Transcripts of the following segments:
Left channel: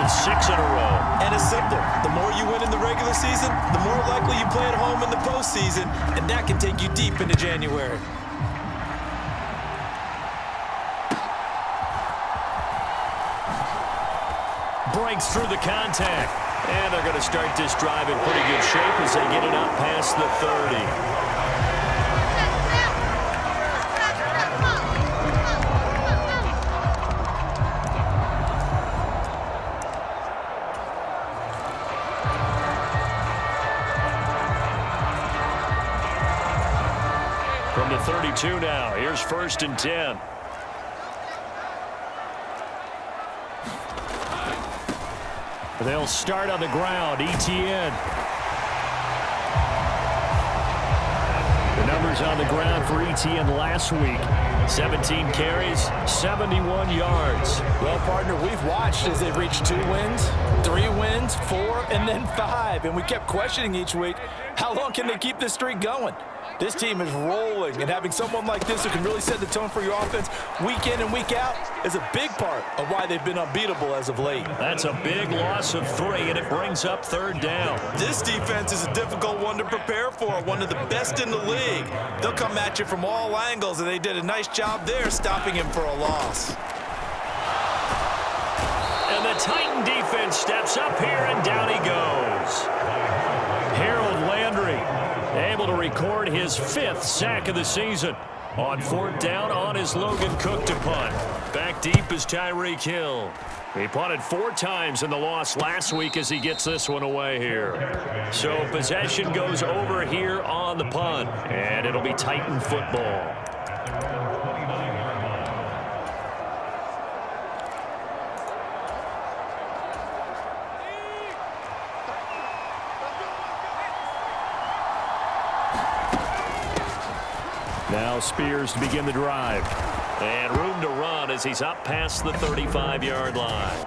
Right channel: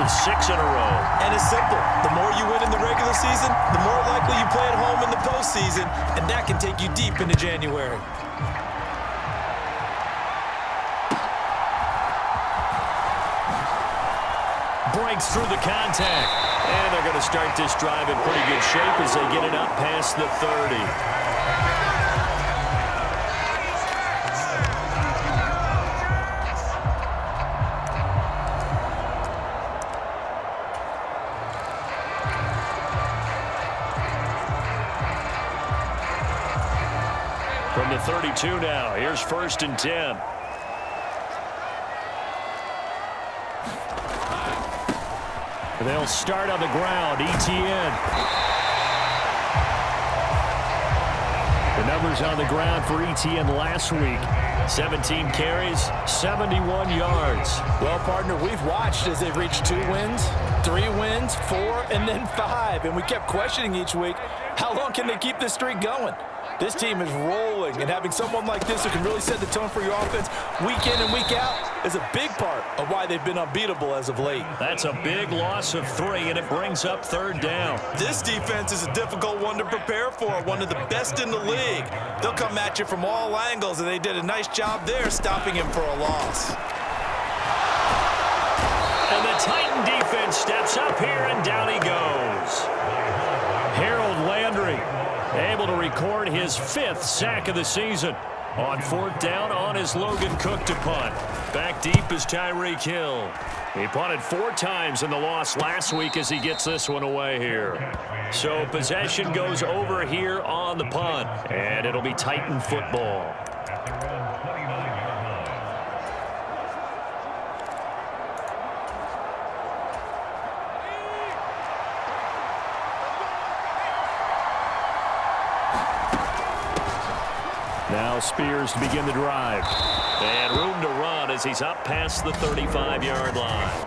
of 6 in a row. And it's simple. The more you win in the regular season, the more likely you play at home in the postseason, and that can take you deep into January. Breaks through the contact. And they're going to start this drive in pretty good shape as they get it up past the 30. From the 32 now, here's 1st and 10. They'll start on the ground. Etienne. The numbers on the ground for Etienne last week. 17 carries, 71 yards. Well, partner, we've watched as they've reached 2 wins, 3 wins, 4, and then 5. And we kept questioning each week, how long can they keep this streak going? This team is rolling, and having someone like this who can really set the tone for your offense week in and week out is a big part of why they've been unbeatable as of late. That's a big loss of 3, and it brings up 3rd down. This defense is a difficult one to prepare for, one of the best in the league. They'll come at you from all angles, and they did a nice job there stopping him for a loss. And the Titan defense steps up here, and down he goes. Harold Landry able to record his 5th sack of the season. On 4th down on his Logan Cook to punt. Back deep is Tyreek Hill. He punted 4 times in the loss last week as he gets this one away here. So possession goes over here on the punt, and it'll be Titan football. Now Spears to begin the drive. And room to run as he's up past the 35-yard line.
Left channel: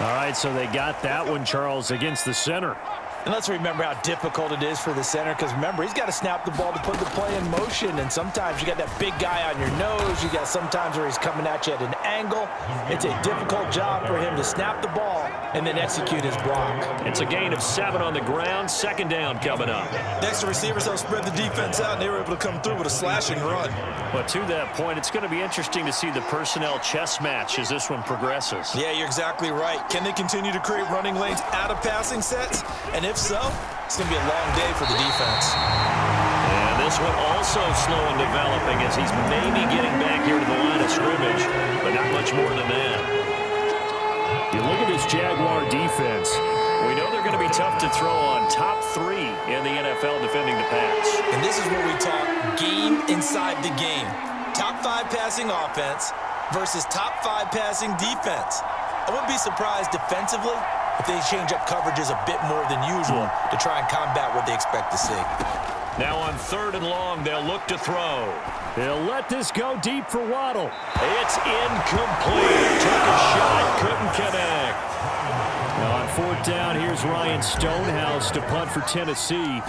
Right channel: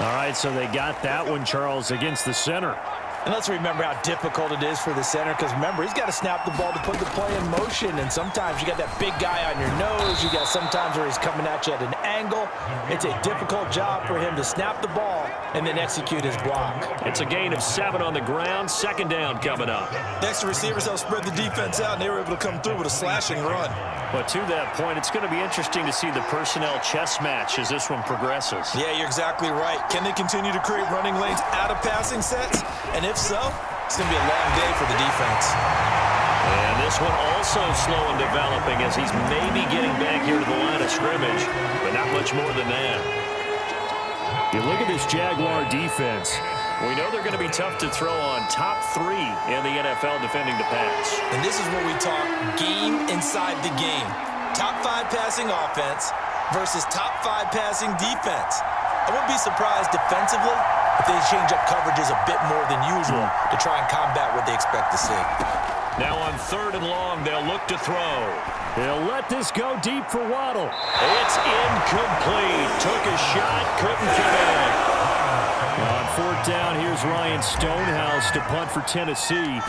All right, so they got that one, Charles, against the center. And let's remember how difficult it is for the center, because remember, he's got to snap the ball to put the play in motion, and sometimes you got that big guy on your nose. You got sometimes where he's coming at you at an angle. It's a difficult job for him to snap the ball and then execute his block. It's a gain of 7 on the ground. 2nd down coming up. Next, the receivers help spread the defense out, and they were able to come through with a slashing run. But to that point, it's going to be interesting to see the personnel chess match as this one progresses. Yeah, you're exactly right. Can they continue to create running lanes out of passing sets? And if so, it's going to be a long day for the defense. And this one also slow in developing as he's maybe getting back here to the line of scrimmage, but not much more than that. You look at this Jaguar defense. We know they're going to be tough to throw on. Top 3 in the NFL defending the pass. And this is where we talk game inside the game. Top 5 passing offense versus top 5 passing defense. I wouldn't be surprised defensively if they change up coverages a bit more than usual to try and combat what they expect to see. Now on 3rd and long, they'll look to throw. They'll let this go deep for Waddle. It's incomplete. Took a shot, couldn't connect. Now on 4th down, here's Ryan Stonehouse to punt for Tennessee.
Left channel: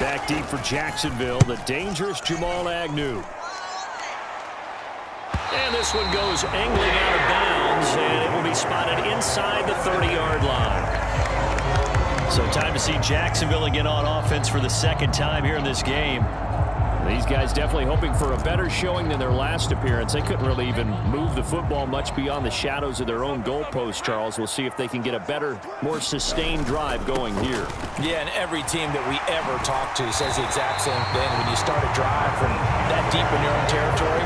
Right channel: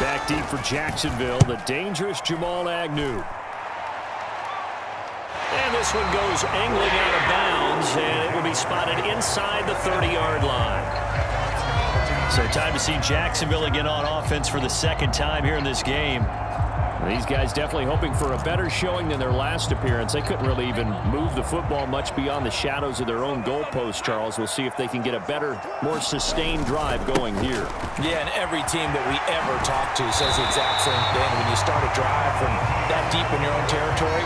Back deep for Jacksonville, the dangerous Jamal Agnew. And this one goes angling out of bounds, and it will be spotted inside the 30-yard line. So time to see Jacksonville again on offense for the 2nd time here in this game. These guys definitely hoping for a better showing than their last appearance. They couldn't really even move the football much beyond the shadows of their own goalpost, Charles. We'll see if they can get a better, more sustained drive going here. Yeah, and every team that we ever talk to says the exact same thing. When you start a drive from that deep in your own territory,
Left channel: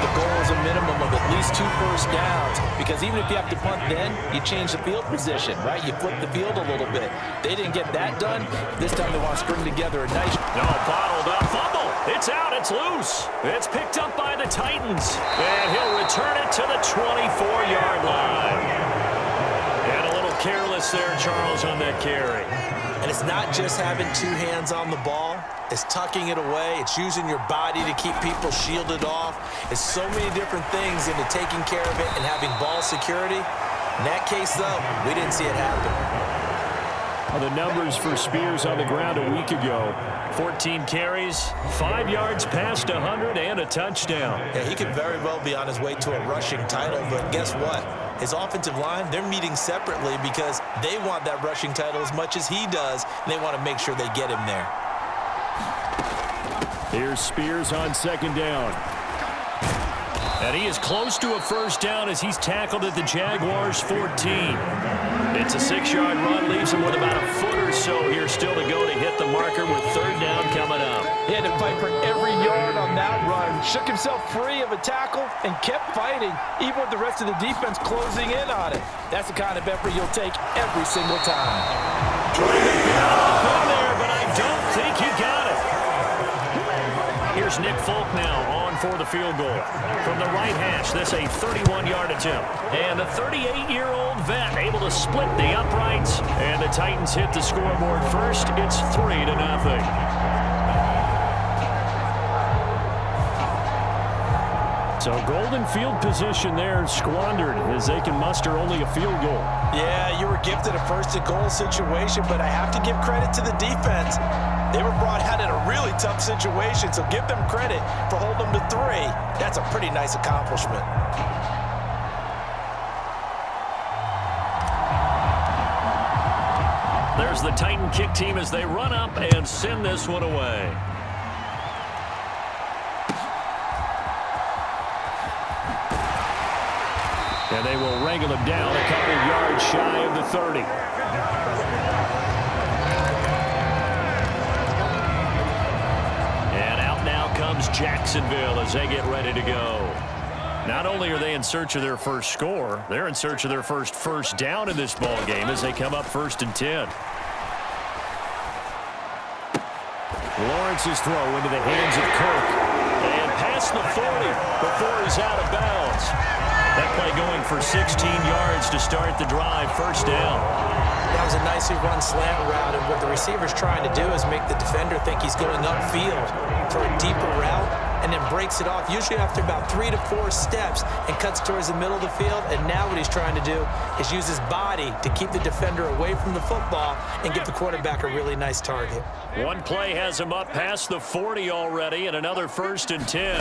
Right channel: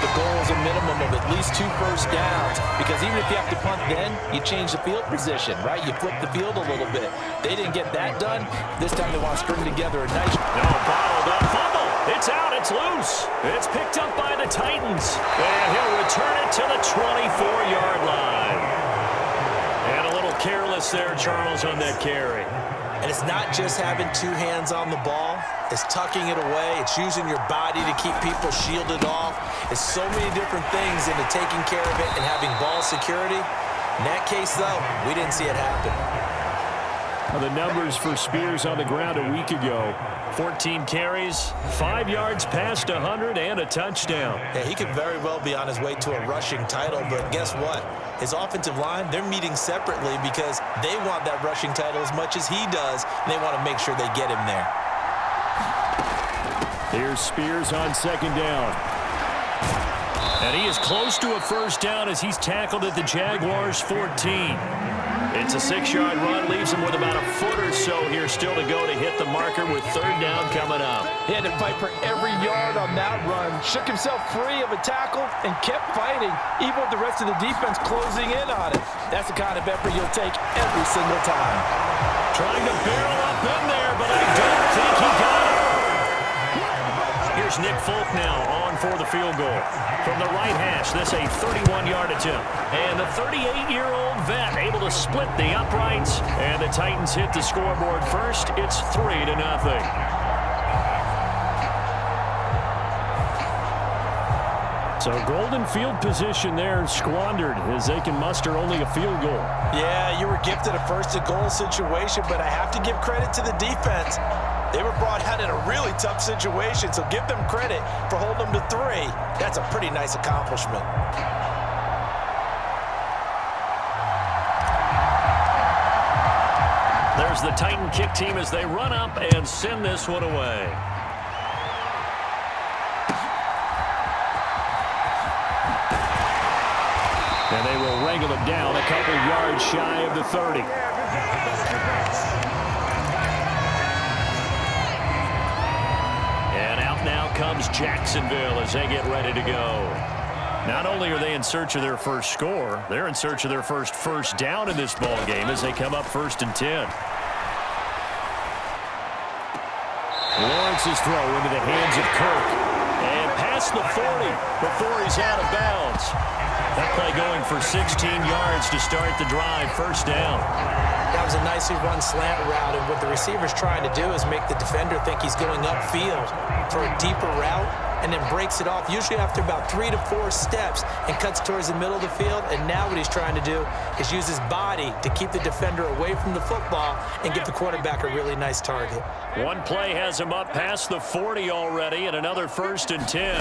the goal is a minimum of at least 2 first downs, because even if you have to punt then, you change the field position, right? You flip the field a little bit. They didn't get that done. This time they want to string together a nice... No, bottled up. Fumble. It's out. It's loose. It's picked up by the Titans. And he'll return it to the 24-yard line. And a little careless there, Charles, on that carry. And it's not just having 2 hands on the ball. It's tucking it away. It's using your body to keep people shielded off. It's so many different things into taking care of it and having ball security. In that case, though, we didn't see it happen. The numbers for Spears on the ground a week ago. 14 carries, 5 yards past 100, and a touchdown. Yeah, he could very well be on his way to a rushing title, but guess what? His offensive line, they're meeting separately because they want that rushing title as much as he does, and they want to make sure they get him there. Here's Spears on second down. And he is close to a first down as he's tackled at the Jaguars' 14. It's a 6-yard run, leaves him with about a foot or so here still to go to hit the marker with third down coming up. He had to fight for every yard on that run, shook himself free of a tackle, and kept fighting, even with the rest of the defense closing in on it. That's the kind of effort you'll take every single time. Trying to barrel up in there, but I don't think he got it. Here's Nick Folk now on for the field goal. From the right hash, this a 31-yard attempt. And the 38-year-old vet able to split the uprights. And the Titans hit the scoreboard first. It's 3-0. So golden field position there squandered as they can muster only a field goal. Yeah, you were gifted a first-and-goal situation, but I have to give credit to the defense. They were brought out in a really tough situation, so give them credit for holding them to 3. That's a pretty nice accomplishment. There's the Titan kick team as they run up and send this one away. And they will wrangle it down a couple yards shy of the 30. And out now comes Jacksonville as they get ready to go. Not only are they in search of their first score, they're in search of their first down in this ball game as they come up 1st and 10. Lawrence's throw into the hands of Kirk. And past the 40 before he's out of bounds. That play going for 16 yards to start the drive, 1st down. That was a nicely run slant route, and what the receiver's trying to do is make the defender think he's going upfield for a deeper route and then breaks it off, usually after about 3 to 4 steps, and cuts towards the middle of the field. And now what he's trying to do is use his body to keep the defender away from the football and give the quarterback a really nice target. One play has him up past the 40 already, and another 1st and 10.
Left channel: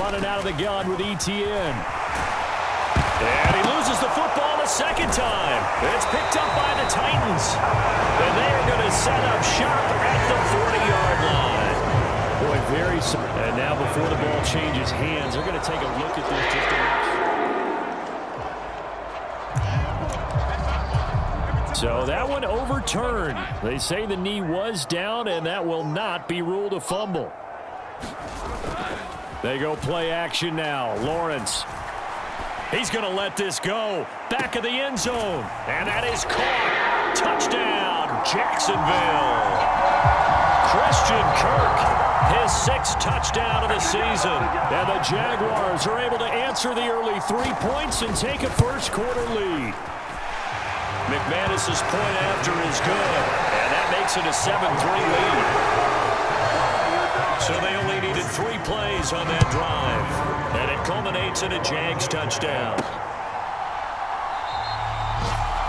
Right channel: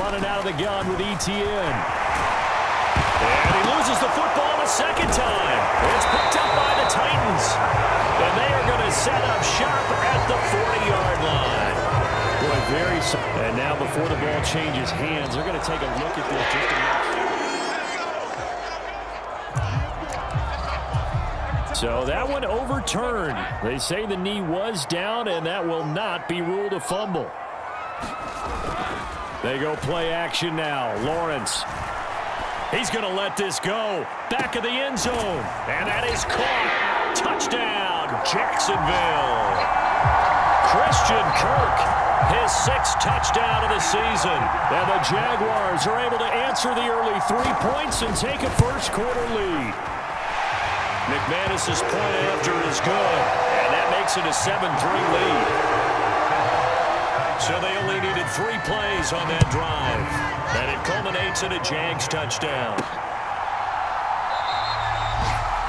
Running out of the gun with ETN. And he loses the football a second time. It's picked up by the Titans. And they are going to set up shop at the 40-yard line. Boy, and now before the ball changes hands, they're going to take a look at this just a minute. So that one overturned. They say the knee was down, and that will not be ruled a fumble. They go play action now. Lawrence. He's going to let this go. Back of the end zone. And that is caught. Touchdown, Jacksonville. Christian Kirk, his 6th touchdown of the season. And the Jaguars are able to answer the early 3 points and take a first-quarter lead. McManus's point after is good. And that makes it a 7-3 lead. So they only needed 3 plays on that drive. And it culminates in a Jags touchdown.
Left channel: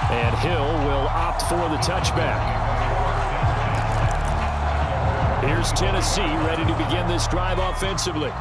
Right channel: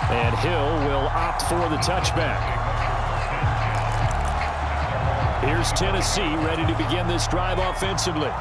And Hill will opt for the touchback. Here's Tennessee ready to begin this drive offensively.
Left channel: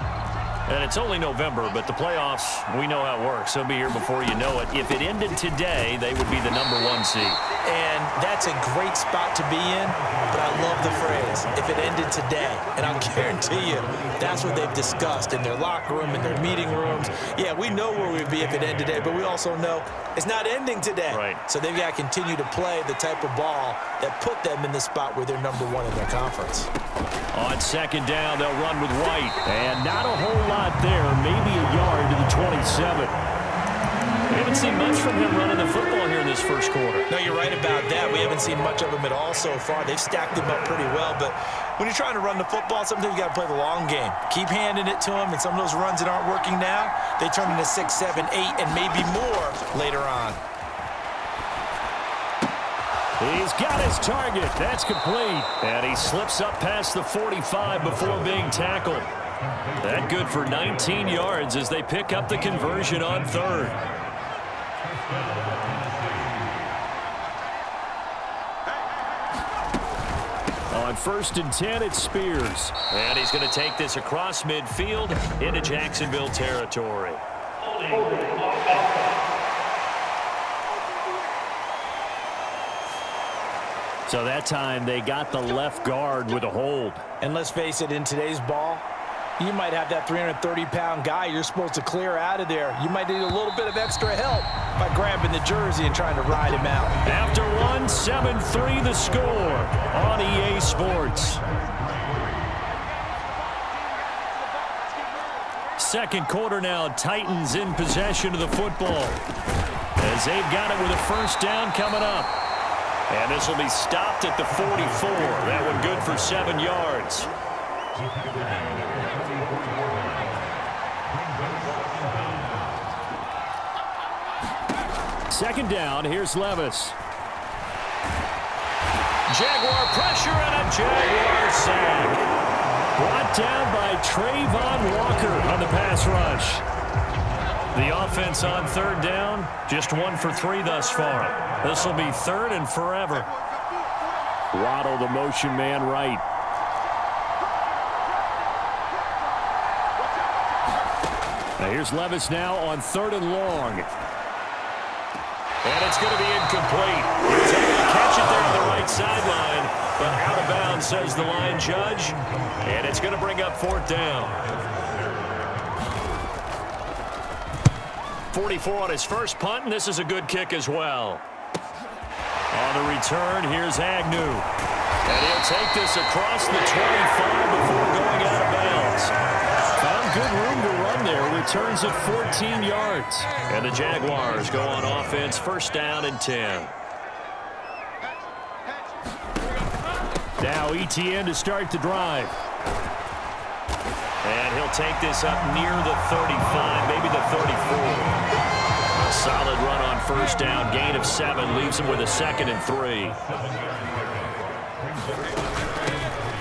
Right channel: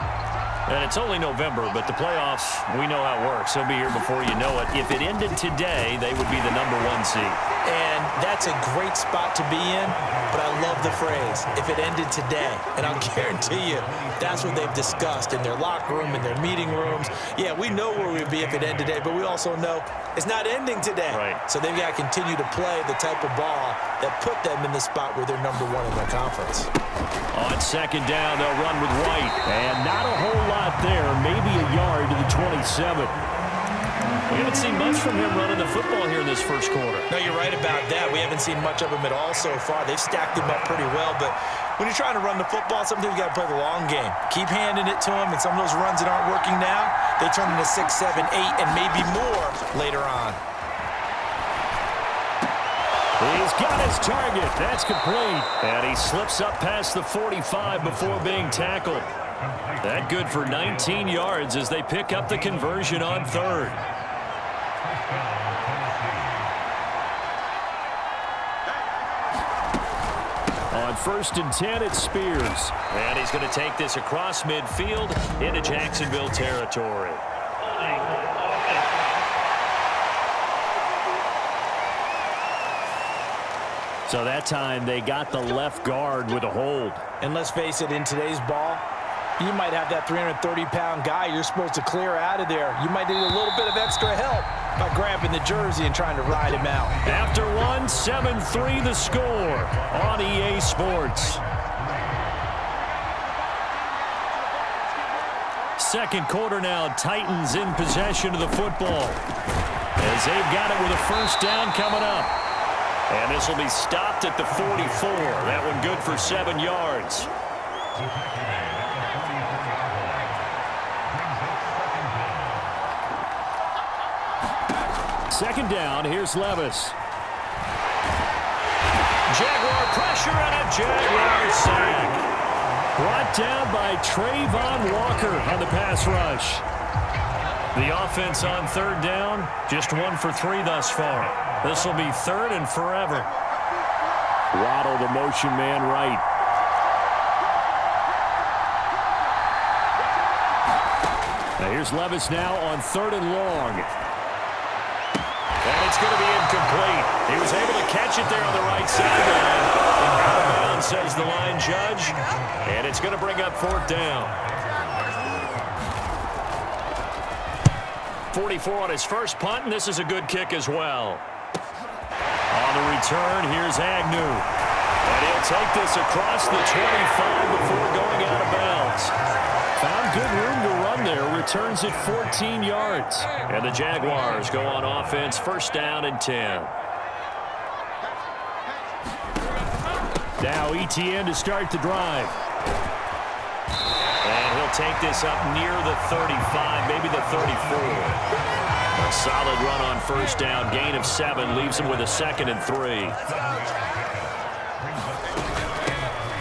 And it's only November, but the playoffs, we know how it works. They'll be here before you know it. If it ended today, they would be the #1 seed. And that's a great spot to be in, but I love the phrase, if it ended today. And I'll guarantee you, that's what they've discussed in their locker room, in their meeting rooms. Yeah, we know where we'd be if it ended today, but we also know it's not ending today. Right. So they've got to continue to play the type of ball that put them in the spot where they're #1 in their conference. On second down, they'll run with White. And not a whole lot there, maybe a yard to the 27. We haven't seen much from him running the football here in this first quarter. No, you're right about that. We haven't seen much of him at all so far. They've stacked him up pretty well, but when you're trying to run the football, sometimes you got to play the long game. Keep handing it to him, and some of those runs that aren't working now, they turn into 6, 7, 8, and maybe more later on. He's got his target. That's complete. And he slips up past the 45 before being tackled. That good for 19 yards as they pick up the conversion on 3rd. On 1st and 10, it's Spears. And he's going to take this across midfield into Jacksonville territory. So that time they got the left guard with a hold. And let's face it, in today's ball, you might have that 330-pound guy you're supposed to clear out of there. You might need a little bit of extra help by grabbing the jersey and trying to ride him out. After one, 7-3 the score on EA Sports. Second quarter now, Titans in possession of the football as they've got it with a first down coming up. And this will be stopped at the 44. That one good for 7 yards. Second down, here's Levis. Jaguar pressure and a Jaguar sack. Brought down by Trayvon Walker on the pass rush. The offense on third down, just 1 for 3 thus far. This will be third and forever. Waddle, the motion man right. Now here's Levis now on 3rd and long. And it's going to be incomplete. He was able to catch it there on the right sideline, but out of bounds, says the line judge. And it's going to bring up 4th down. 44 on his first punt, and this is a good kick as well. On the return, here's Agnew. And he'll take this across the 25 before going out of bounds. Found good room to run there. Returns at 14 yards. And the Jaguars go on offense, first down and 10. Now ETN to start the drive. And he'll take this up near the 35, maybe the 34. A solid run on first down. Gain of 7 leaves him with a 2nd and 3.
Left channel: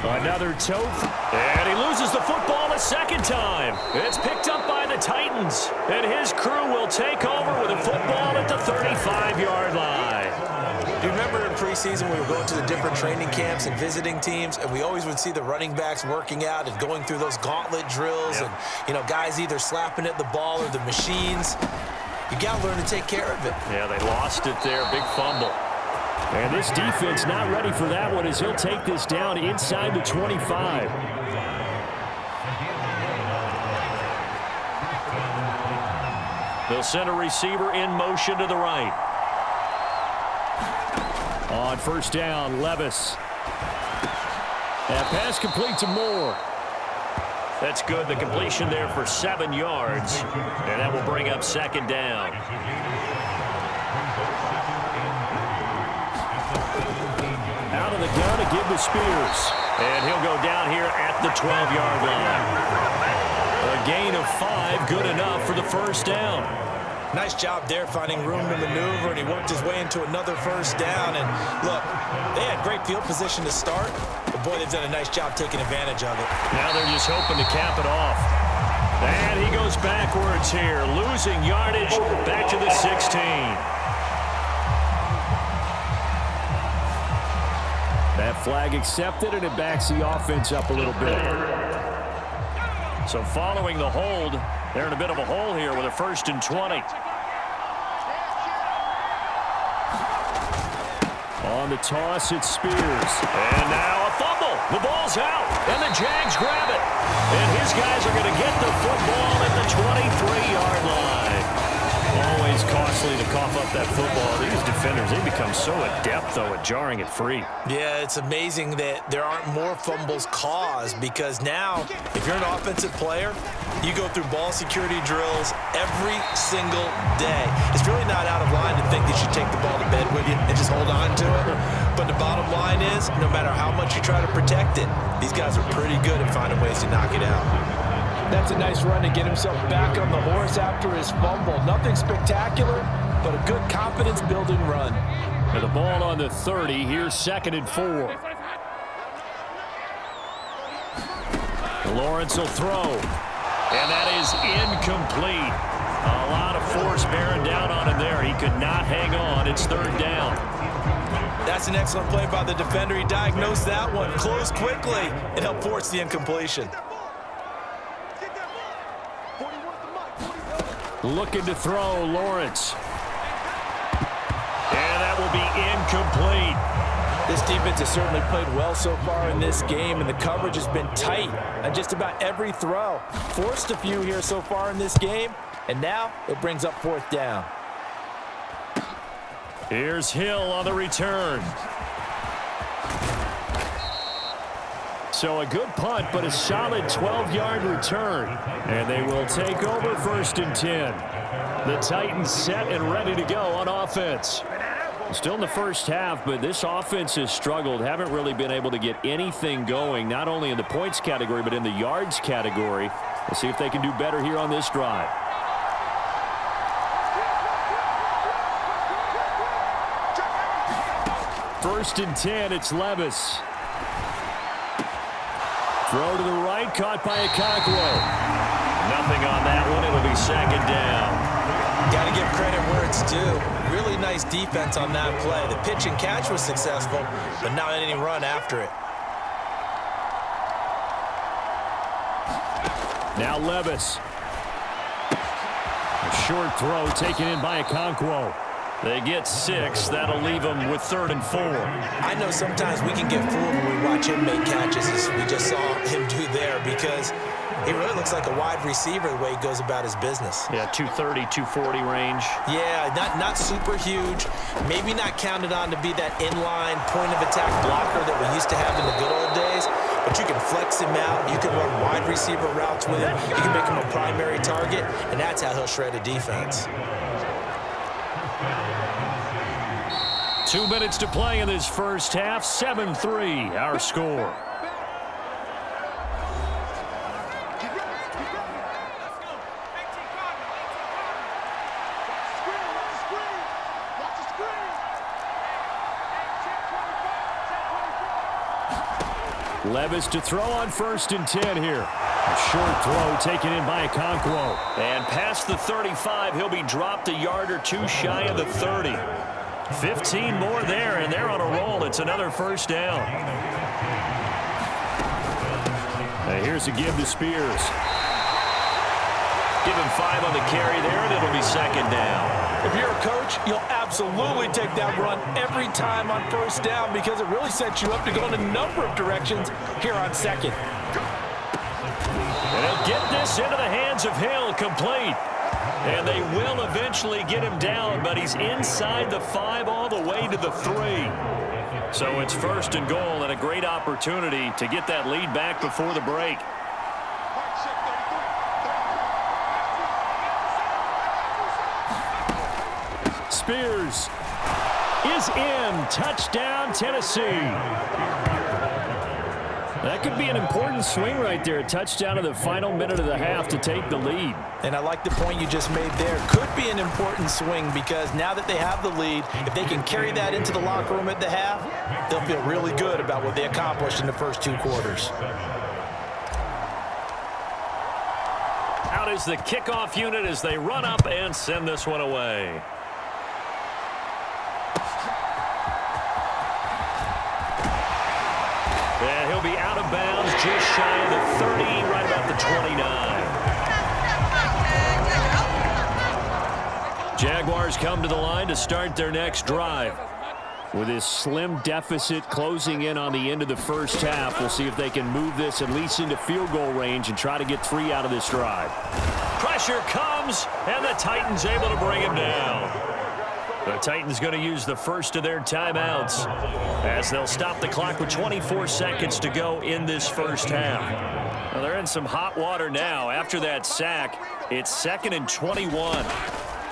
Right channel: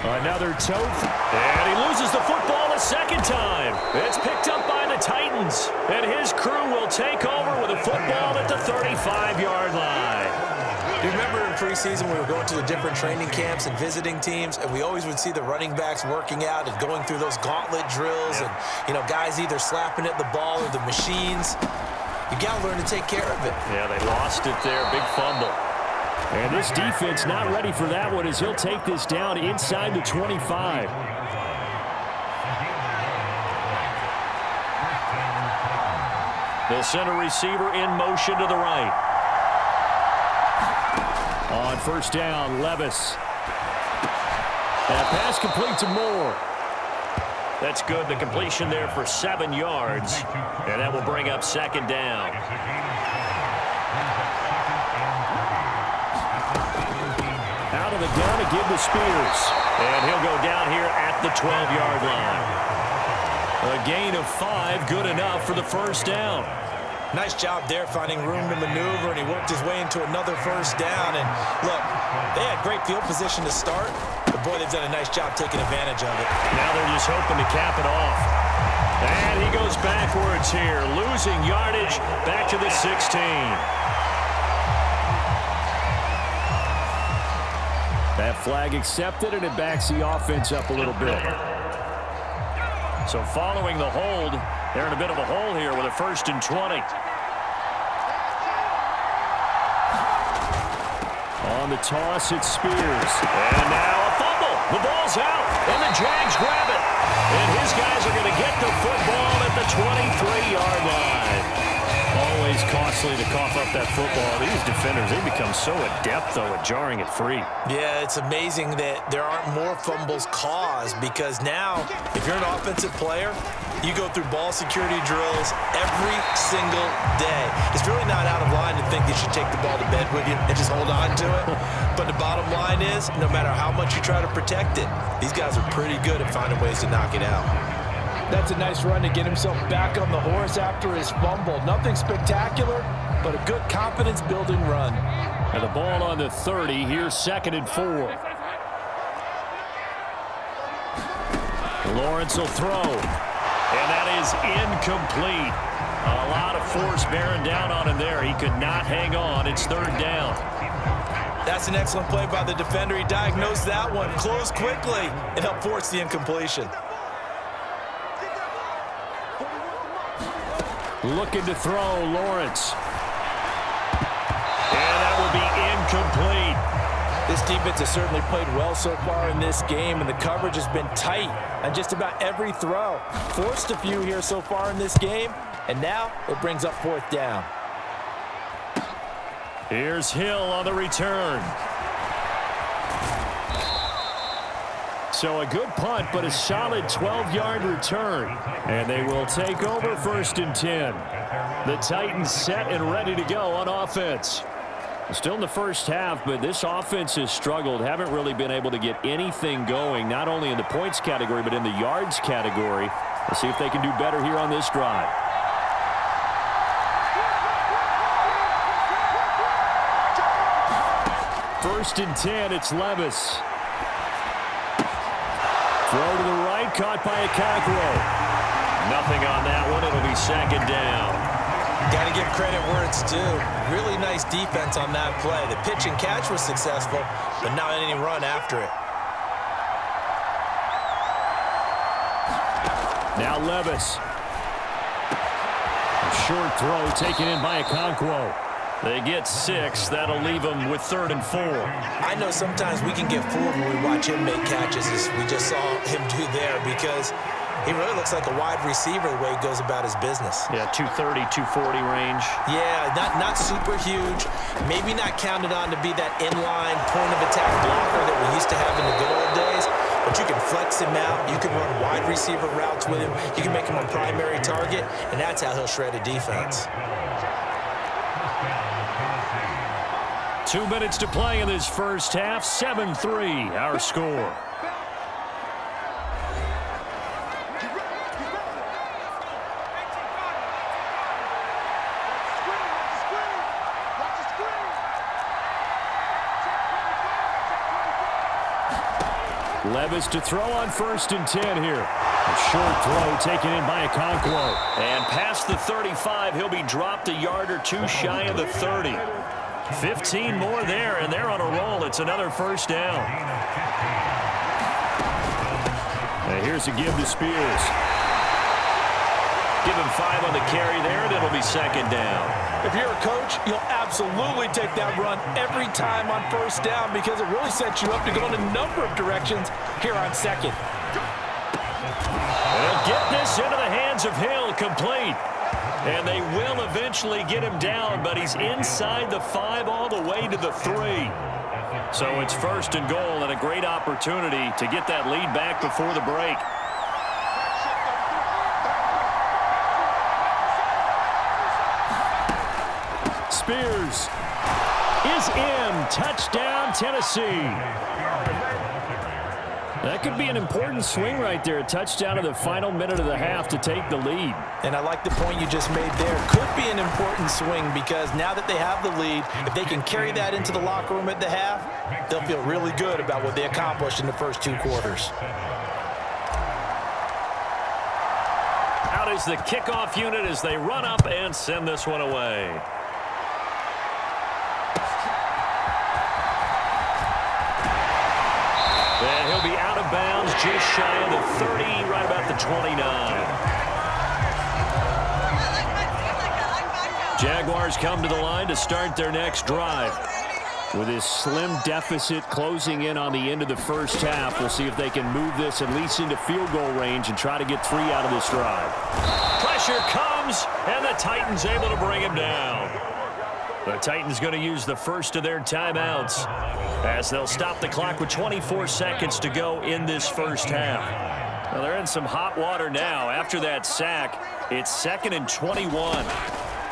Another toe, and he loses the football a second time. It's picked up by the Titans, and his crew will take over with a football at the 35-yard line. Do you remember in preseason we were going to the different training camps and visiting teams, and we always would see the running backs working out and going through those gauntlet drills, and, you know, guys either slapping at the ball or the machines. You got to learn to take care of it. Yeah, they lost it there. Big fumble. And this defense not ready for that one as he'll take this down inside the 25. They'll send a receiver in motion to the right. On first down, Levis. And pass complete to Moore. That's good. The completion there for 7 yards. And that will bring up 2nd down. Out of the gun to give to Spears. And he'll go down here at the 12-yard line. A gain of 5, good enough for the first down. Nice job there finding room to maneuver, and he worked his way into another first down. And look, they had great field position to start, but boy, they've done a nice job taking advantage of it. Now they're just hoping to cap it off. And he goes backwards here, losing yardage back to the 16. That flag accepted, and it backs the offense up a little bit. So following the hold, they're in a bit of a hole here with a 1st and 20. On the toss, it's Spears. And now a fumble. The ball's out, and the Jags grab it. And his guys are going to get the football at the 23-yard line. Always costly to cough up that football. These defenders, they become so adept, though, at jarring it free. Yeah, it's amazing that there aren't more fumbles caused, because now, if you're an offensive player, you go through ball security drills every single day. It's really not out of line to think that you take the ball to bed with you and just hold on to it. But the bottom line is, no matter how much you try to protect it, these guys are pretty good at finding ways to knock it out. That's a nice run to get himself back on the horse after his fumble. Nothing spectacular, but a good confidence-building run. And the ball on the 30. Here's 2nd and 4. Lawrence will throw. And that is incomplete. A lot of force bearing down on him there. He could not hang on. It's 3rd down. That's an excellent play by the defender. He diagnosed that one, closed quickly, and helped force the incompletion. Looking to throw, Lawrence. And that will be incomplete. This defense has certainly played well so far in this game, and the coverage has been tight on just about every throw. Forced a few here so far in this game, and now it brings up 4th down. Here's Hill on the return. So a good punt, but a solid 12-yard return. And they will take over 1st and 10. The Titans set and ready to go on offense. Still in the first half, but this offense has struggled. Haven't really been able to get anything going, not only in the points category, but in the yards category. Let's see if they can do better here on this drive. First and 10, it's Levis. Throw to the right, caught by Okonkwo. Nothing on that one. It'll be 2nd down. Got to give credit where it's due. Really nice defense on that play. The pitch and catch was successful, but not any run after it. Now Levis. A short throw taken in by Okonkwo. They get 6. That'll leave them with 3rd and 4. I know sometimes we can get fooled when we watch him make catches, as we just saw him do there, because he really looks like a wide receiver the way he goes about his business. Yeah, 230, 240 range. Yeah, not super huge. Maybe not counted on to be that inline point-of-attack blocker that we used to have in the good old days, but you can flex him out. You can run wide receiver routes with him. You can make him a primary target, and that's how he'll shred a defense. 2 minutes to play in this first half. 7-3, our score. Levis to throw on 1st and 10 here. A short throw taken in by Okonkwo. And past the 35, he'll be dropped a yard or two shy of the 30. 15 more there, and they're on a roll. It's another 1st down. And here's a give to Spears. Give him 5 on the carry there, and it'll be 2nd down. If you're a coach, you'll absolutely take that run every time on 1st down, because it really sets you up to go in a number of directions here on 2nd. And he'll get this into the hands of Hill, complete. And they will eventually get him down, but he's inside the 5 all the way to the 3. So it's 1st and goal, and a great opportunity to get that lead back before the break. Spears is in. Touchdown, Tennessee. That could be an important swing right there. A touchdown in the final minute of the half to take the lead. And I like the point you just made there. Could be an important swing, because now that they have the lead, if they can carry that into the locker room at the half, they'll feel really good about what they accomplished in the first 2 quarters. Out is the kickoff unit as they run up and send this one away. And he'll be out of bounds just shy of the 30, right about the 29. Jaguars come to the line to start their next drive. With this slim deficit closing in on the end of the first half, we'll see if they can move this at least into field goal range and try to get 3 out of this drive. Pressure comes, and the Titans able to bring him down. The Titans going to use the first of their timeouts as they'll stop the clock with 24 seconds to go in this first half. Well, they're in some hot water now. After that sack, it's 2nd and 21.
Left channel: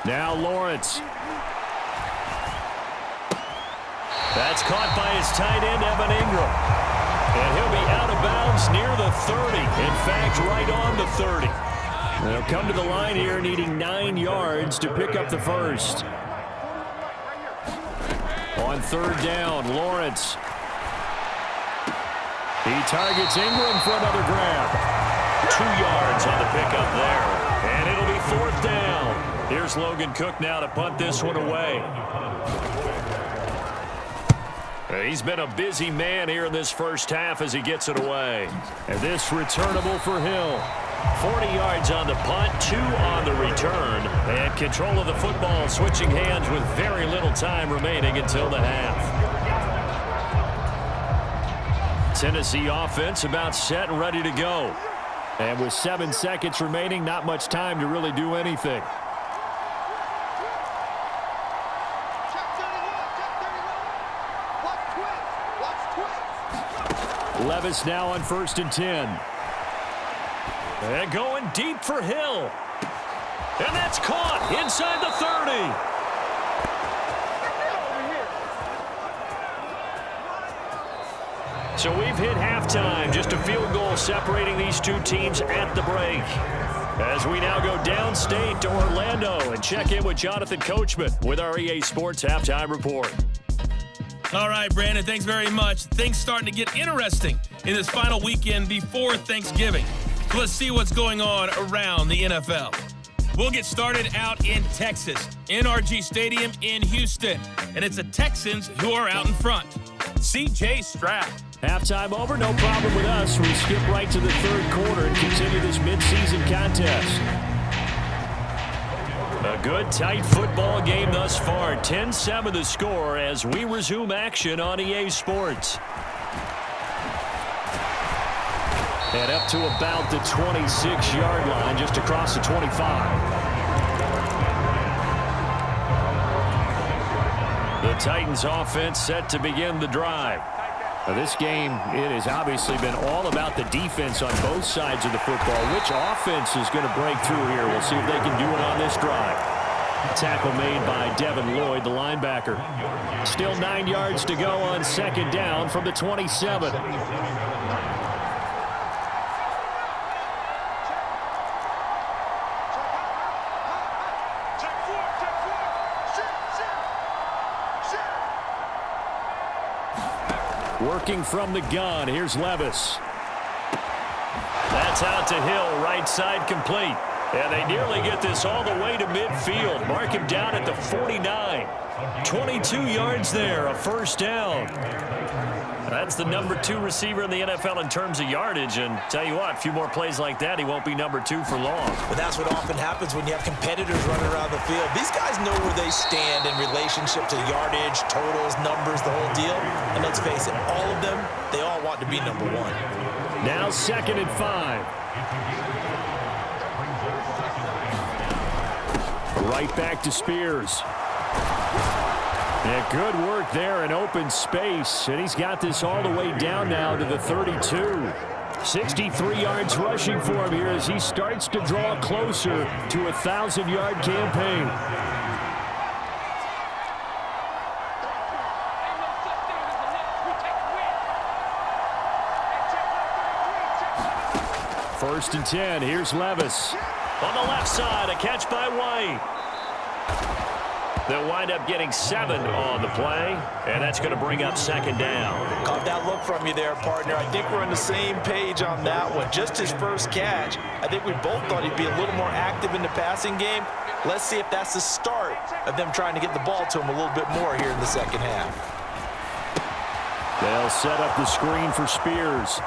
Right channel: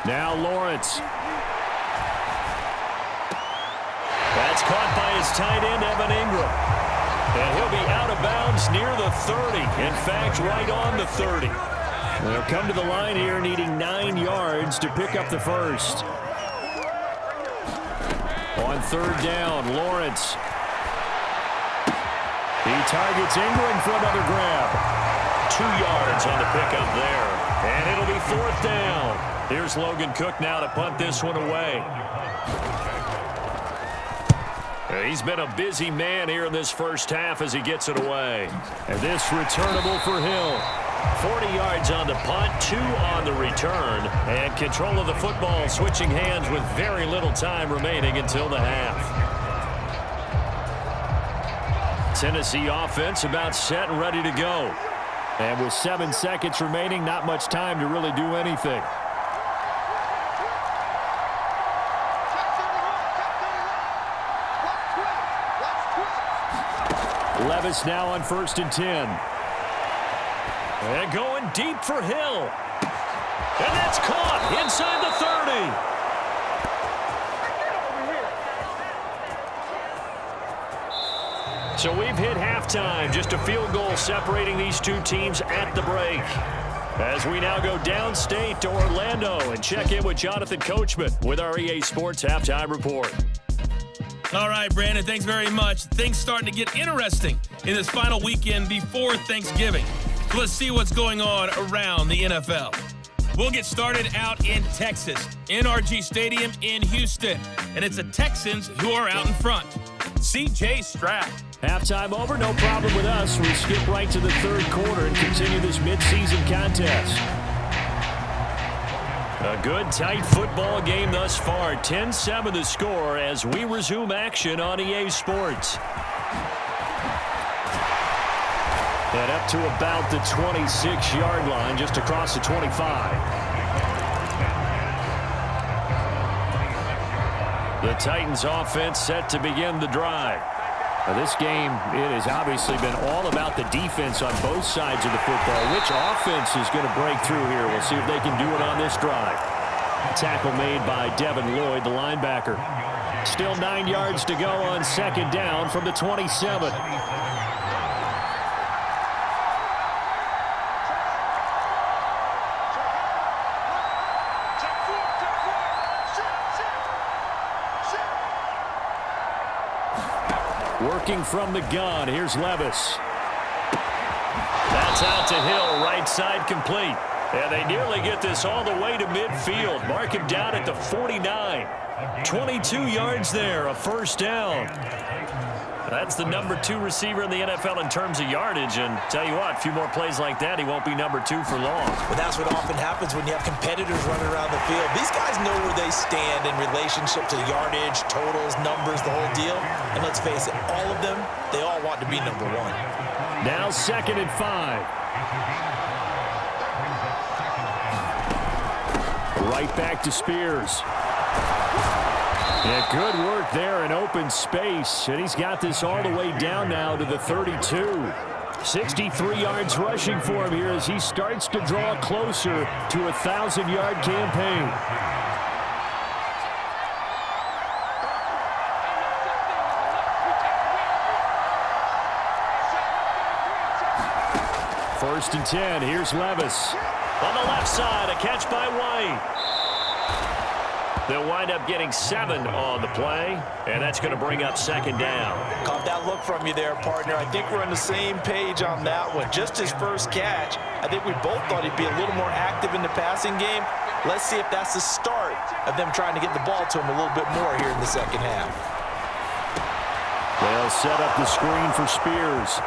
Now Lawrence. That's caught by his tight end, Evan Ingram. And he'll be out of bounds near the 30. In fact, right on the 30. They'll come to the line here needing 9 yards to pick up the first. On 3rd down, Lawrence. He targets Ingram for another grab. 2 yards on the pickup there. And it'll be 4th down. Here's Logan Cook now to punt this one away. He's been a busy man here in this first half as he gets it away. And this returnable for Hill. 40 yards on the punt, 2 on the return. And control of the football switching hands with very little time remaining until the half. Tennessee offense about set and ready to go. And with 7 seconds remaining, not much time to really do anything. Levis now on 1st and 10. And going deep for Hill. And that's caught inside the 30. So we've hit halftime. Just a field goal separating these two teams at the break. As we now go downstate to Orlando and check in with Jonathan Coachman with our EA Sports Halftime Report. All right, Brandon, thanks very much. Things starting to get interesting in this final weekend before Thanksgiving. So let's see what's going on around the NFL. We'll get started out in Texas, NRG Stadium in Houston. And it's the Texans who are out in front. C.J. Stroud. Halftime over, no problem with us. We skip right to the third quarter and continue this midseason contest. A good, tight football game thus far. 10-7 the score as we resume action on EA Sports. And up to about the 26-yard line, just across the 25. The Titans offense set to begin the drive. Now this game, it has obviously been all about the defense on both sides of the football. Which offense is going to break through here? We'll see if they can do it on this drive. Tackle made by Devin Lloyd, the linebacker. Still 9 yards to go on 2nd down from the 27. Working from the gun, here's Levis. That's out to Hill, right side complete. And they nearly get this all the way to midfield. Mark him down at the 49. 22 yards there, a 1st down. That's the number 2 receiver in the NFL in terms of yardage. And tell you what, a few more plays like that, he won't be number 2 for long. But that's what often happens when you have competitors running around the field. These guys know where they stand in relationship to yardage, totals, numbers, the whole deal. And let's face it, all of them, they all want to be number 1. Now 2nd and 5. Right back to Spears. Yeah, good work there in open space, and he's got this all the way down now to the 32. 63 yards rushing for him here as he starts to draw closer to a 1,000-yard campaign. First and 10, here's Levis. On the left side, a catch by White. They'll wind up getting 7 on the play, and that's going to bring up 2nd down. Caught that look from you there, partner. I think we're on the same page on that one. Just his first catch. I think we both thought he'd be a little more active in the passing game. Let's see if that's the start of them trying to get the ball to him a little bit more here in the second half. They'll set up the screen for Spears.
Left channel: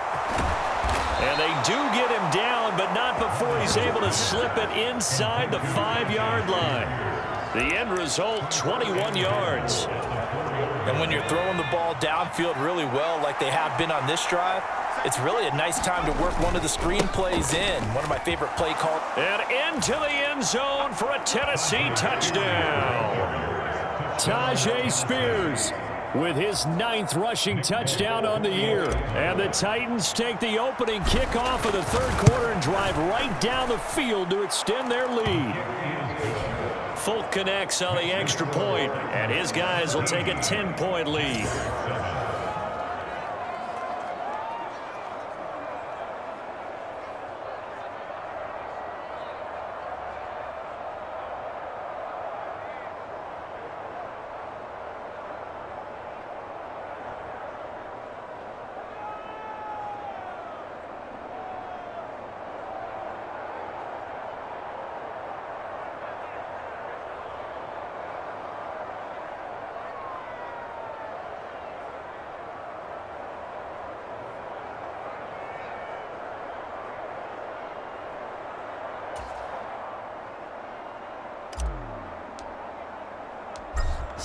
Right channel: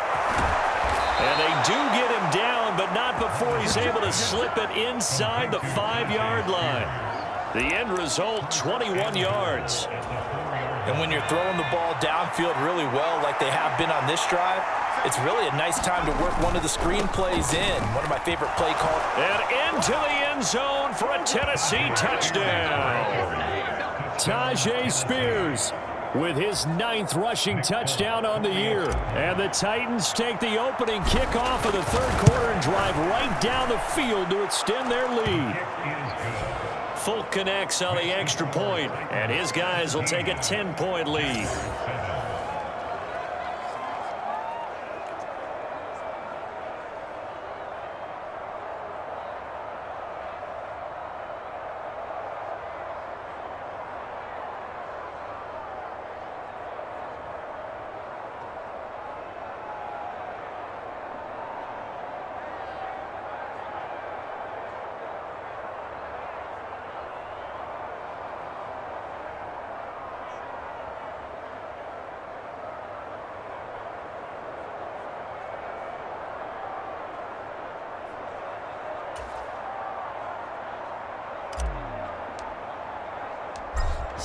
And they do get him down, but not before he's able to slip it inside the 5-yard line. The end result, 21 yards. And when you're throwing the ball downfield really well like they have been on this drive, it's really a nice time to work one of the screen plays in. One of my favorite play calls. And into the end zone for a Tennessee touchdown. Tajay Spears with his 9th rushing touchdown on the year. And the Titans take the opening kickoff of the third quarter and drive right down the field to extend their lead. Folk connects on the extra point, and his guys will take a 10-point lead.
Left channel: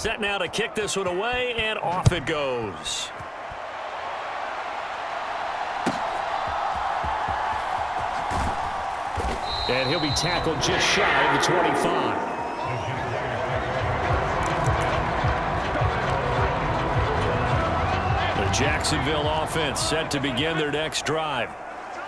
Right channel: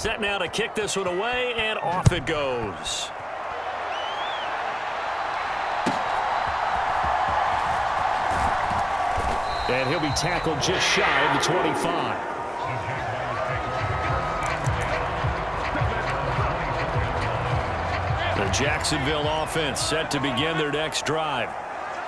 Set now to kick this one away, and off it goes. And he'll be tackled just shy of the 25. The Jacksonville offense set to begin their next drive.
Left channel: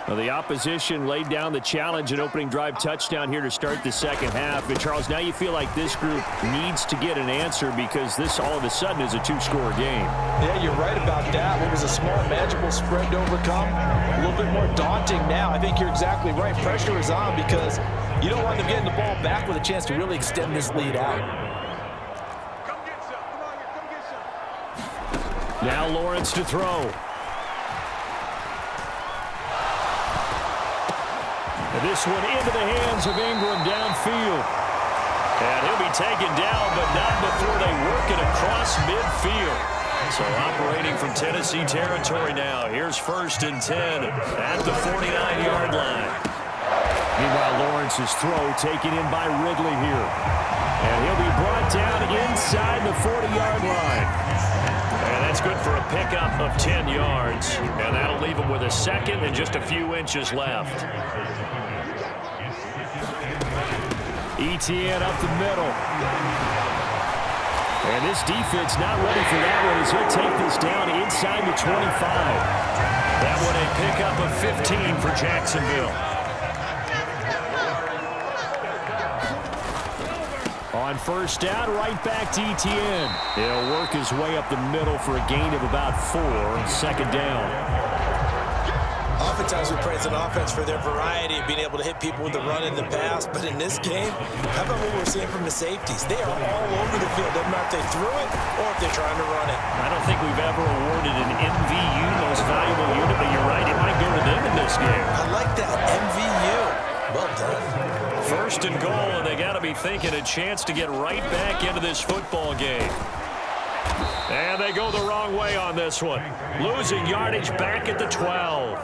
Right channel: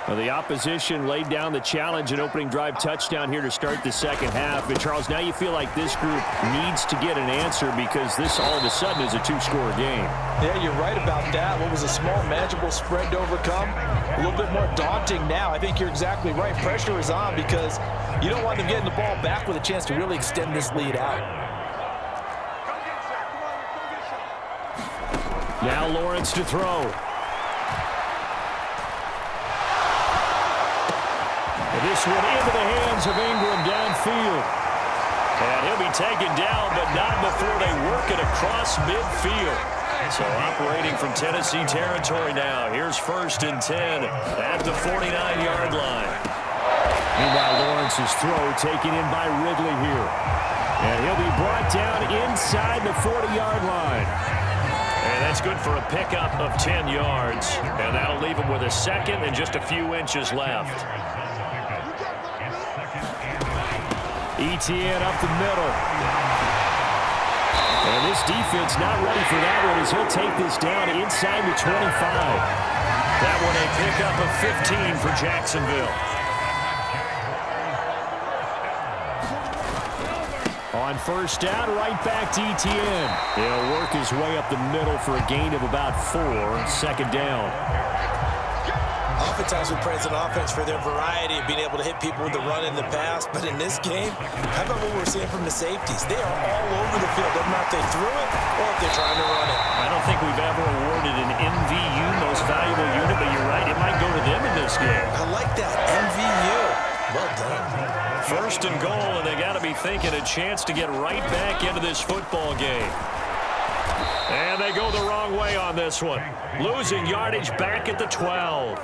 Well, the opposition laid down the challenge and opening drive touchdown here to start the second half. But, Charles, now you feel like this group needs to get an answer because this all of a sudden is a two-score game. Yeah, you're right about that. What was a small, manageable spread to overcome, a little bit more daunting now. I think you're exactly right. Pressure is on because you don't want them getting the ball back with a chance to really extend this lead out. Now Lawrence to throw. And this one into the hands of Ingram downfield. And he'll be taken down, but not before they work it across midfield. So operating from Tennessee territory now. Here's 1st and 10 at the 49-yard line. Meanwhile, Lawrence's throw taken in by Ridley here. And he'll be brought down inside the 40-yard line. And that's good for a pickup of 10 yards. And that'll leave him with a second and just a few inches left. ETN up the middle. And this defense not ready for that one as he'll take this down inside the 25. That one a pickup of 15 for Jacksonville. On 1st down, right back to ETN. He'll work his way up the middle for a gain of about 4. 2nd down. Oftentimes we praise an offense for their variety of being able to hit people with the run and the pass, but in this game, how about what we're seeing from the safeties? They are all over the field. Doesn't matter if they threw it or if they're trying to run it. I don't think we've ever awarded an MVU, most valuable unit, but you're right, it might go to them in this game. I like that, MVU. Well done. 1st and goal, and they got to be thinking a chance to get right back into this football game. And they go the wrong way on this one. Losing yardage back at the 12.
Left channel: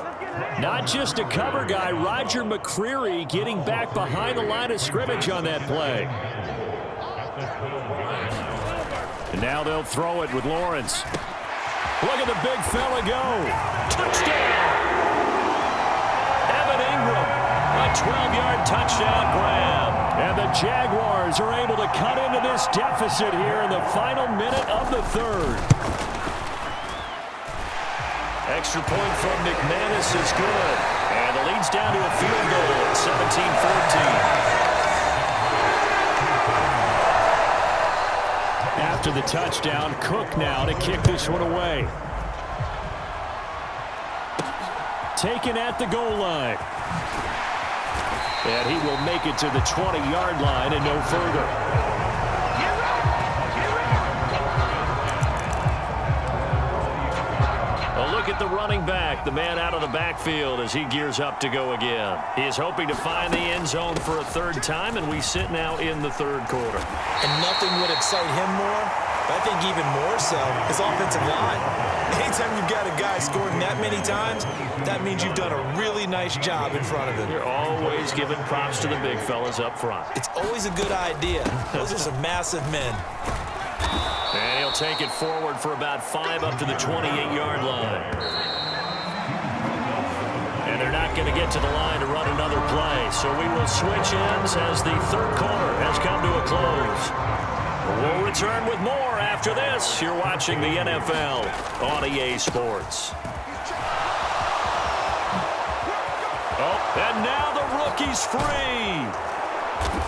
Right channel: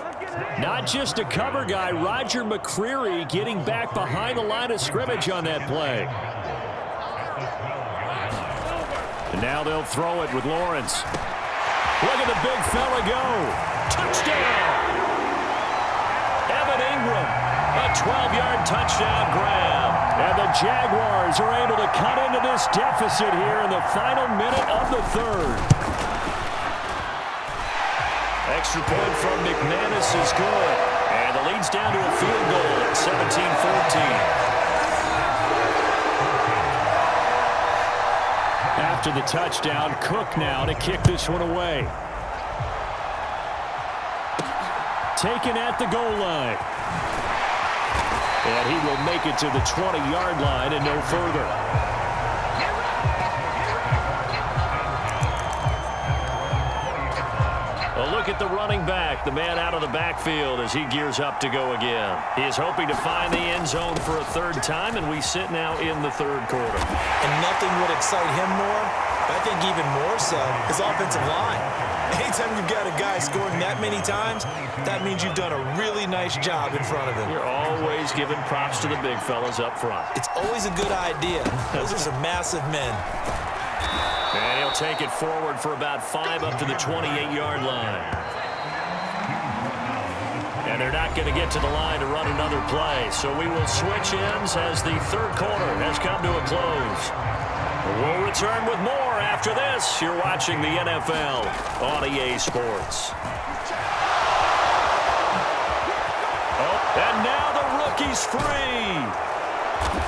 Not just a cover guy, Roger McCreary getting back behind the line of scrimmage on that play. And now they'll throw it with Lawrence. Look at the big fella go. Touchdown! Evan Ingram, a 12-yard touchdown grab. And the Jaguars are able to cut into this deficit here in the final minute of the 3rd. Extra point from McManus is good. And the lead's down to a field goal at 17-14. After the touchdown, Cook now to kick this one away. Taken at the goal line. And he will make it to the 20-yard line and no further. A look at the running back, the man out of the backfield as he gears up to go again. He is hoping to find the end zone for a 3rd time, and we sit now in the 3rd quarter. And nothing would excite him more, but I think even more so, his offensive line. Anytime you've got a guy scoring that many times, that means you've done a really nice job in front of him. You're always giving props to the big fellas up front. It's always a good idea. Those are some massive men. And he'll take it forward for about 5 up to the 28-yard line. And they're not going to get to the line to run another play. So we will switch ends as the 3rd quarter has come to a close. We'll return with more after this. You're watching the NFL on EA Sports. Oh, and now the rookie's free.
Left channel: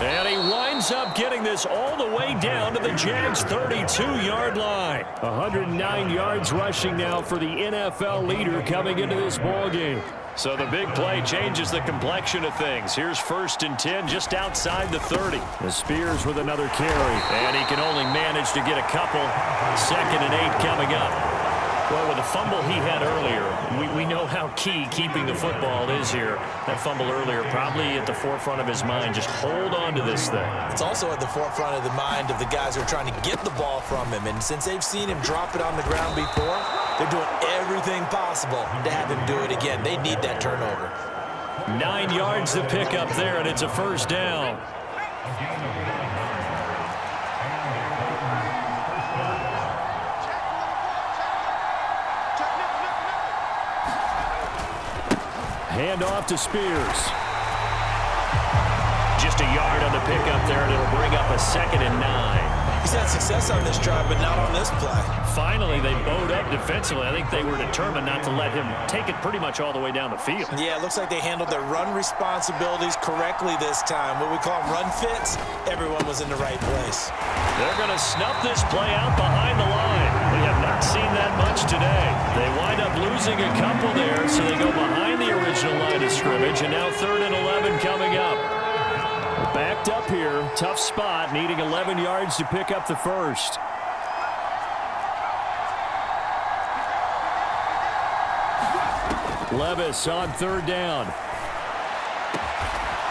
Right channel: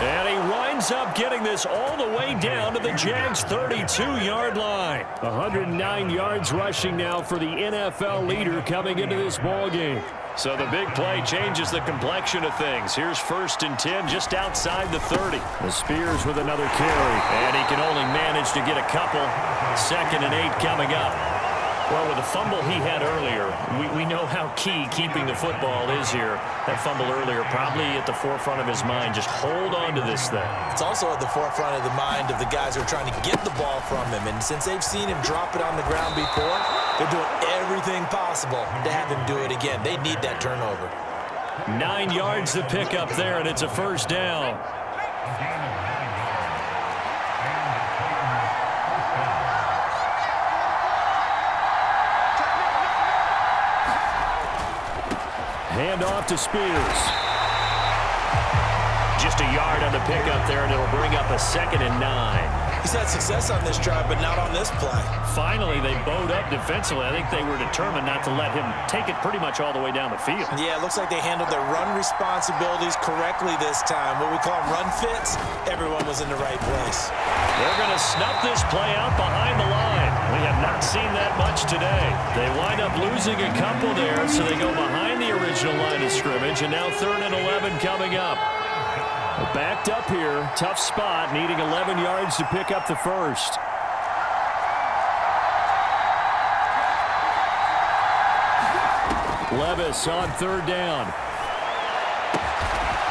And he winds up getting this all the way down to the Jags' 32-yard line. 109 yards rushing now for the NFL leader coming into this ballgame. So the big play changes the complexion of things. Here's 1st and 10 just outside the 30. The Spears with another carry. And he can only manage to get a couple. 2nd and 8 coming up. Well, with the fumble he had earlier, we know how key keeping the football is here. That fumble earlier probably at the forefront of his mind. Just hold on to this thing. It's also at the forefront of the mind of the guys who are trying to get the ball from him. And since they've seen him drop it on the ground before, they're doing everything possible to have him do it again. They need that turnover. 9 yards to pick up there, and it's a 1st down. Hand off to Spears. Just a yard on the pickup there, and it'll bring up a 2nd and 9. He's had success on this drive, but not on this play. Finally, they bowed up defensively. I think they were determined not to let him take it pretty much all the way down the field. Yeah, it looks like they handled their run responsibilities correctly this time. What we call them run fits, everyone was in the right place. They're going to snuff this play out behind the line. We have not seen that much today. They wind up losing a couple there, so they go behind the original line of scrimmage, and now 3rd and 11 coming up. Backed up here, tough spot, needing 11 yards to pick up the first. Levis on 3rd down.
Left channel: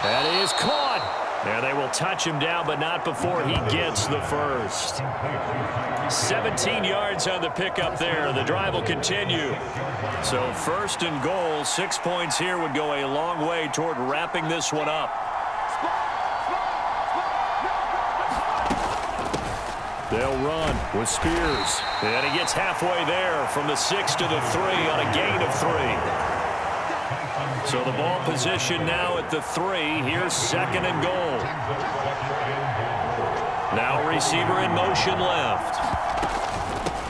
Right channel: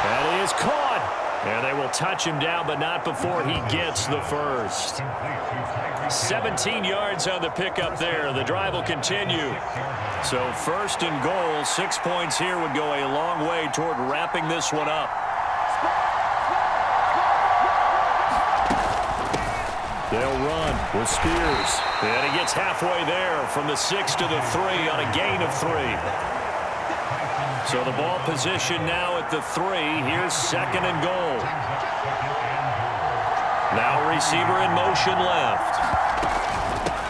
That is caught. And they will touch him down, but not before he gets the first. 17 yards on the pickup there. The drive will continue. So 1st and goal, 6 points here would go a long way toward wrapping this one up. They'll run with Spears. And he gets halfway there from the 6 to the 3 on a gain of 3. So the ball position now at the 3. Here's 2nd and goal. Now receiver in motion left.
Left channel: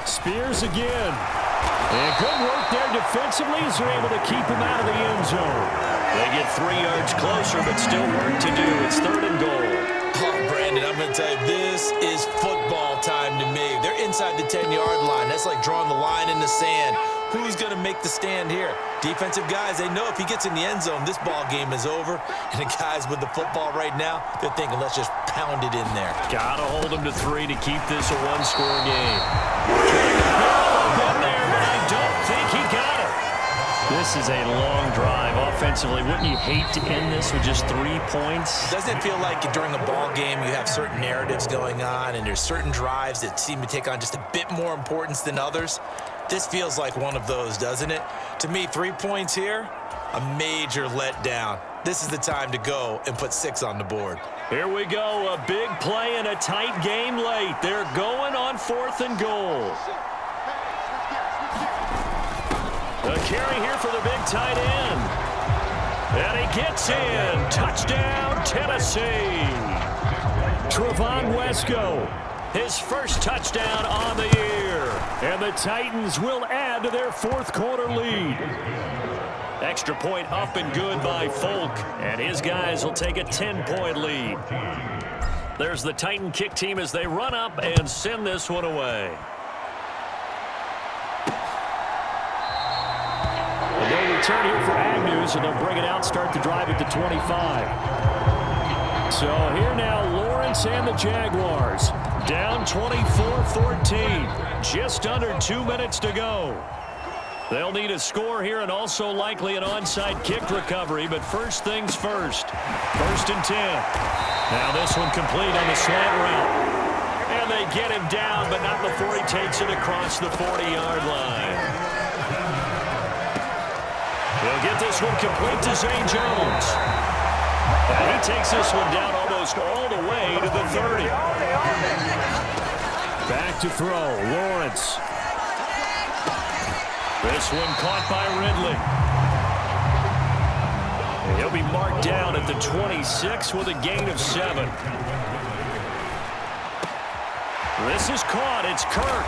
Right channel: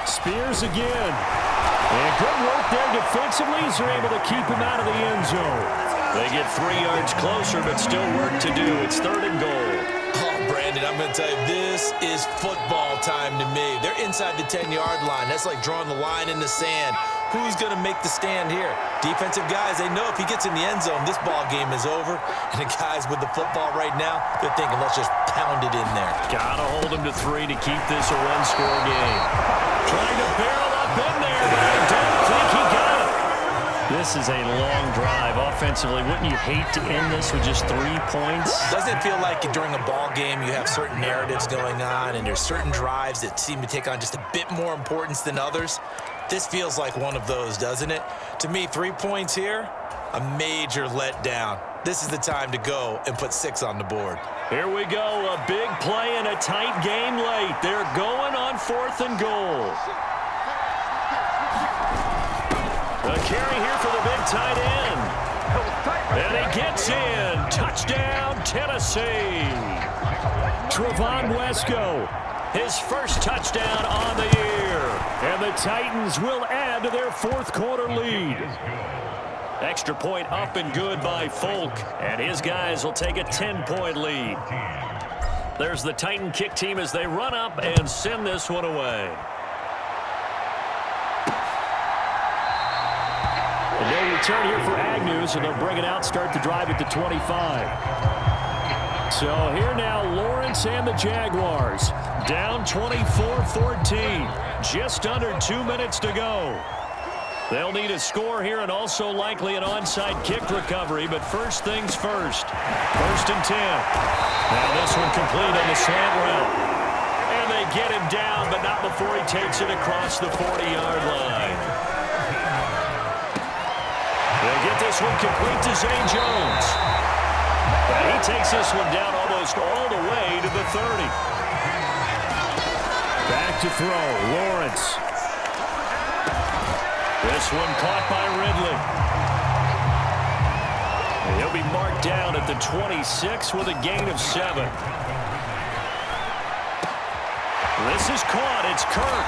Spears again. And good work there defensively as they're able to keep him out of the end zone. They get 3 yards closer, but still work to do. It's 3rd and goal. Oh, Brandon, I'm going to tell you, this is football time to me. They're inside the 10-yard line. That's like drawing the line in the sand. Who's going to make the stand here? Defensive guys, they know if he gets in the end zone, this ball game is over. And the guys with the football right now, they're thinking, let's just pound it in there. Got to hold him to 3 to keep this a one-score game. Trying to barrel up in there, but I don't think he got it. This is a long drive offensively. Wouldn't you hate to end this with just 3 points? Doesn't it feel like during a ball game you have certain narratives going on and there's certain drives that seem to take on just a bit more importance than others? This feels like one of those, doesn't it? To me, 3 points here, a major letdown. This is the time to go and put 6 on the board. Here we go, a big play and a tight game late. They're going on 4th and goal. A carry here for the big tight end. And he gets in. Touchdown, Tennessee. Trevon Wesco, his first touchdown on the year. And the Titans will add to their 4th quarter lead. Extra point up and good by Folk. And his guys will take a 10-point lead. There's the Titan kick team as they run up and send this one away. And no return here for Agnew, so they'll bring it out, start the drive at the 25. So here now, Lawrence and the Jaguars. Down 24-14. Just under 2 minutes to go. They'll need a score here and also likely an onside kick recovery, but first things first. 1st and 10. Now this one complete on the slant route. And they get him down, but not before he takes it across the 40-yard line. They'll get this one complete to Zay Jones. And he takes this one down almost all the way to the 30. Back to throw, Lawrence. This one caught by Ridley. And he'll be marked down at the 26 with a gain of 7. This is caught. It's Kirk.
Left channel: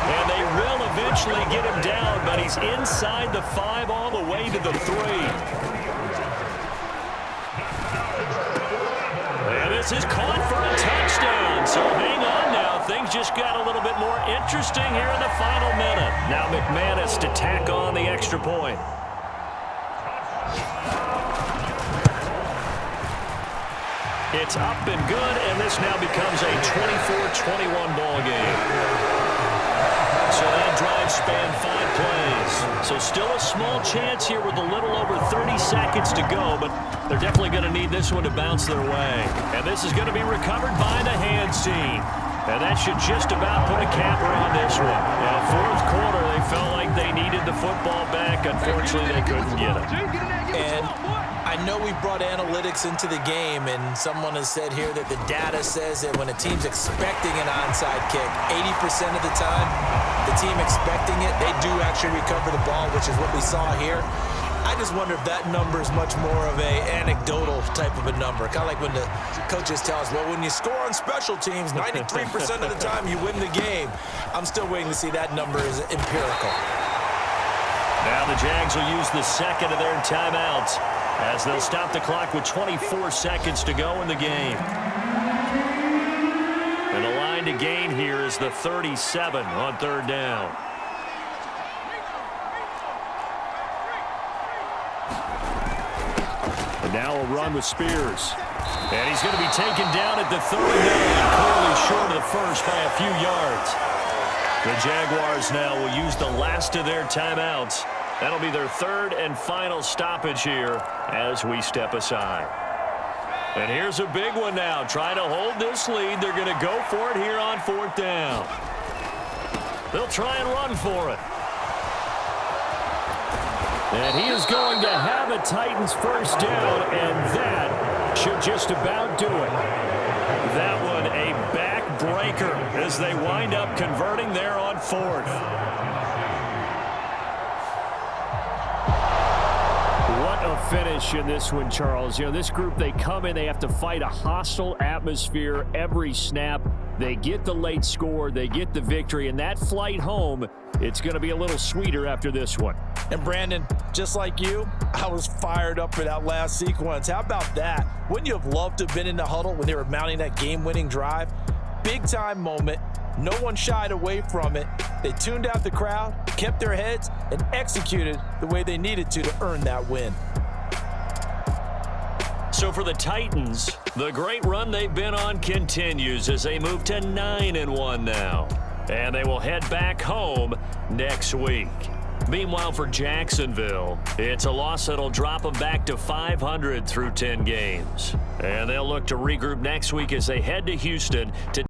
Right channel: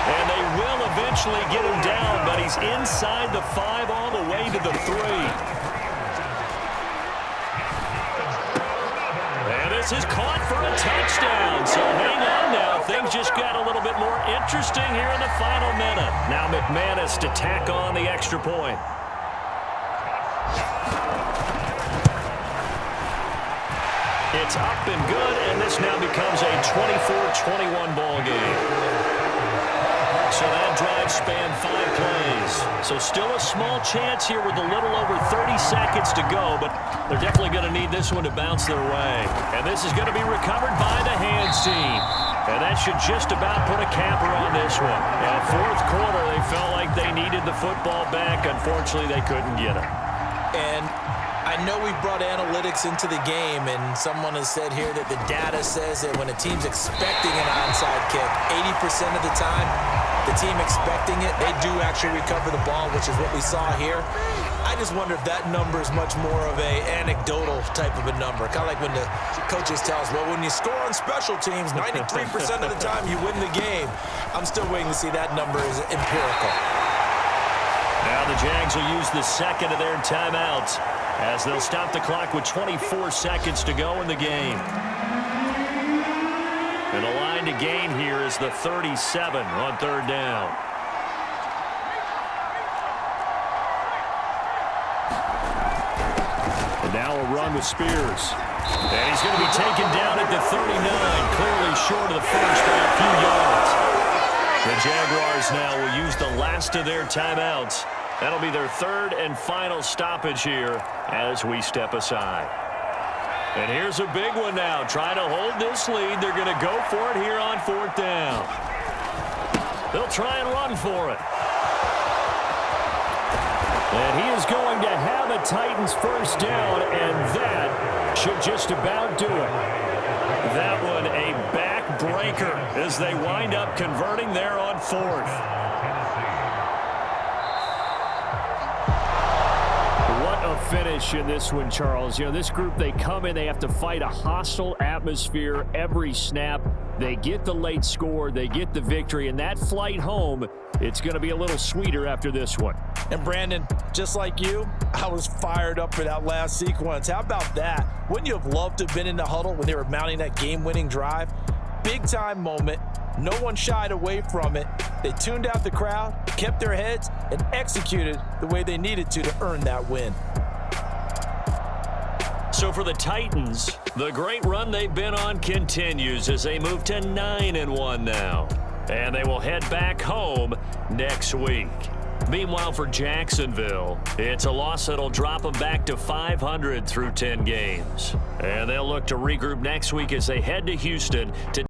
And they will eventually get him down, but he's inside the 5 all the way to the 3. And this is caught for a touchdown. So hang on now. Things just got a little bit more interesting here in the final minute. Now McManus to tack on the extra point. It's up and good, and this now becomes a 24-21 ball game. So that drive spanned 5 plays. So still a small chance here with a little over 30 seconds to go, but they're definitely going to need this one to bounce their way. And this is going to be recovered by the hands team. And that should just about put a capper on this one. Now, 4th quarter, they felt like they needed the football back. Unfortunately, they couldn't get it. And I know we brought analytics into the game, and someone has said here that the data says that when a team's expecting an onside kick, 80% of the time, the team expecting it, they do actually recover the ball, which is what we saw here. I just wonder if that number is much more of a anecdotal type of a number. Kind of like when the coaches tell us, well, when you score on special teams, 93% of the time you win the game. I'm still waiting to see that number is empirical. Now the Jags will use the second of their timeouts as they'll stop the clock with 24 seconds to go in the game. And the line to gain here is the 37 on third down. And now a run with Spears. And he's going to be taken down at the 39, clearly short of the first by a few yards. The Jaguars now will use the last of their timeouts. That'll be their third and final stoppage here as we step aside. And here's a big one now. Trying to hold this lead. They're going to go for it here on fourth down. They'll try and run for it. And he is going to have a Titans first down, and that should just about do it. That one a backbreaker as they wind up converting there on fourth. What a finish in this one, Charles. You know, this group, they come in, they have to fight a hostile atmosphere every snap. They get the late score, they get the victory, and that flight home, it's going to be a little sweeter after this one. And Brandon, just like you, I was fired up for that last sequence. How about that? Wouldn't you have loved to have been in the huddle when they were mounting that game-winning drive? Big-time moment. No one shied away from it. They tuned out the crowd, kept their heads, and executed the way they needed to earn that win. So for the Titans, the great run they've been on continues as they move to 9-1 now. And they will head back home next week. Meanwhile, for Jacksonville, it's a loss that'll drop them back to 500 through 10 games. And they'll look to regroup next week as they head to Houston to